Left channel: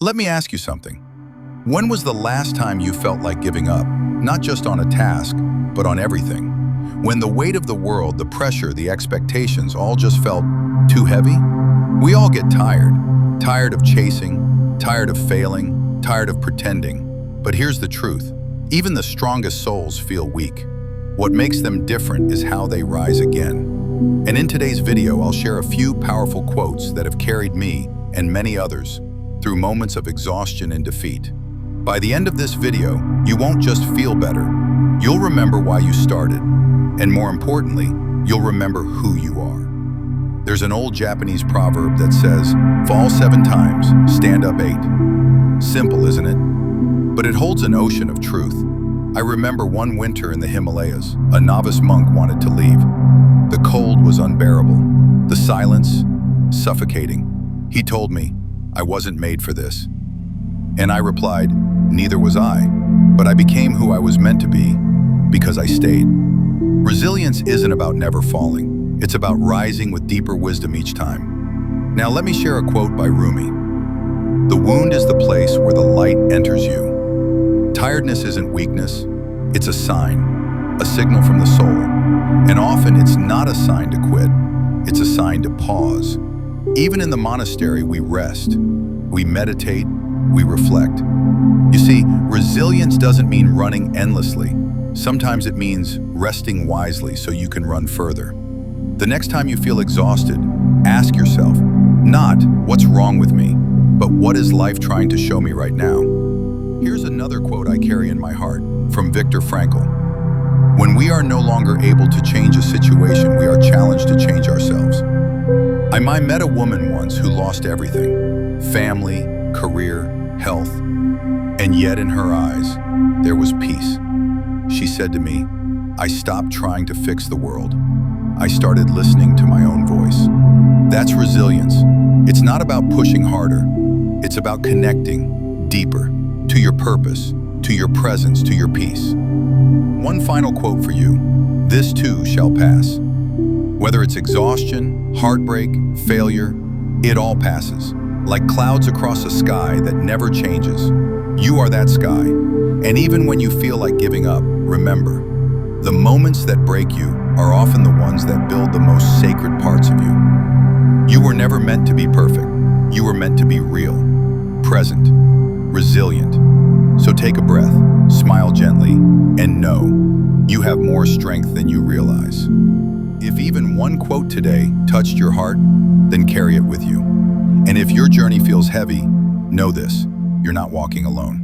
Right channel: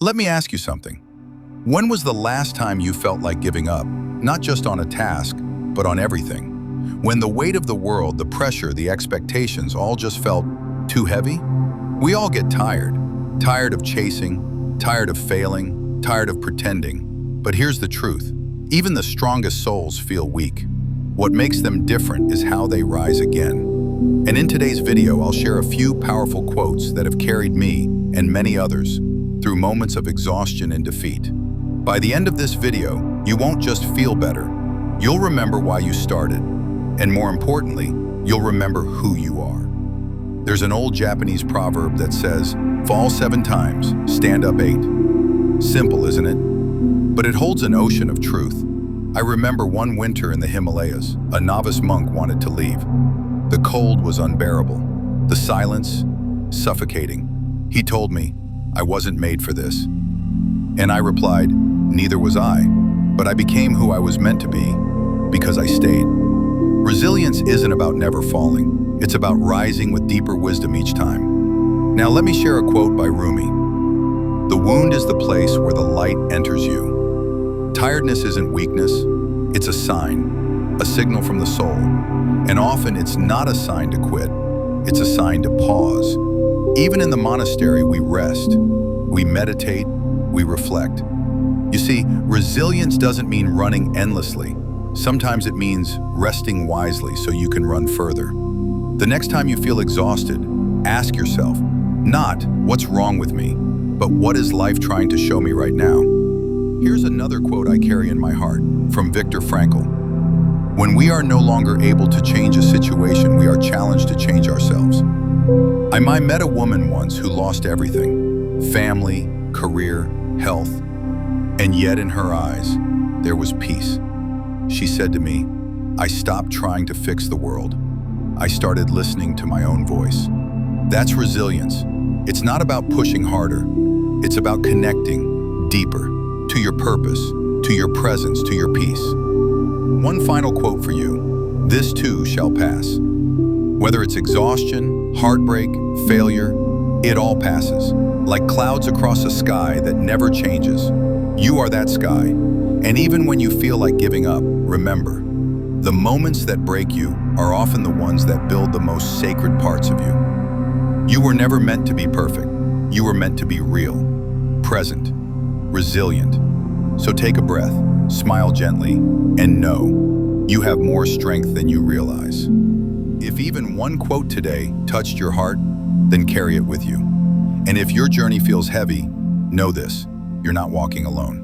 Let me ask you something. When was the last time you felt like giving up, not just on a task, but on everything? When the weight of the world, the pressure, the expectations all just felt too heavy? We all get tired. Tired of chasing, tired of failing, tired of pretending. But here's the truth. Even the strongest souls feel weak. What makes them different is how they rise again. And in today's video, I'll share a few powerful quotes that have carried me and many others through moments of exhaustion and defeat. By the end of this video, you won't just feel better. You'll remember why you started. And more importantly, you'll remember who you are. There's an old Japanese proverb that says, "Fall 7 times, stand up 8." Simple, isn't it? But it holds an ocean of truth. I remember one winter in the Himalayas, a novice monk wanted to leave. The cold was unbearable, the silence suffocating. He told me, "I wasn't made for this." And I replied, "Neither was I, but I became who I was meant to be because I stayed." Resilience isn't about never falling. It's about rising with deeper wisdom each time. Now let me share a quote by Rumi. "The wound is the place where the light enters you." Tiredness isn't weakness, it's a sign, a signal from the soul. And often it's not a sign to quit, it's a sign to pause. Even in the monastery, we rest, we meditate, we reflect. You see, resilience doesn't mean running endlessly. Sometimes it means resting wisely so you can run further. The next time you feel exhausted, ask yourself, not "what's wrong with me?" but "what is life trying to show me right now?" Here's another quote I carry in my heart, from Viktor Frankl. "When we are no longer able to change a situation, we are challenged to change ourselves." I met a woman once who lost everything, family, career, health, and yet in her eyes, there was peace. She said to me, "I stopped trying to fix the world. I started listening to my own voice." That's resilience. It's not about pushing harder. It's about connecting deeper to your purpose, to your presence, to your peace. One final quote for you. "This too shall pass." Whether it's exhaustion, heartbreak, failure, it all passes. Like clouds across a sky that never changes. You are that sky. And even when you feel like giving up, remember, the moments that break you are often the ones that build the most sacred parts of you. You were never meant to be perfect. You were meant to be real, present, resilient. So take a breath, smile gently, and know you have more strength than you realize. If even one quote today touched your heart, then carry it with you. And if your journey feels heavy, know this, you're not walking alone.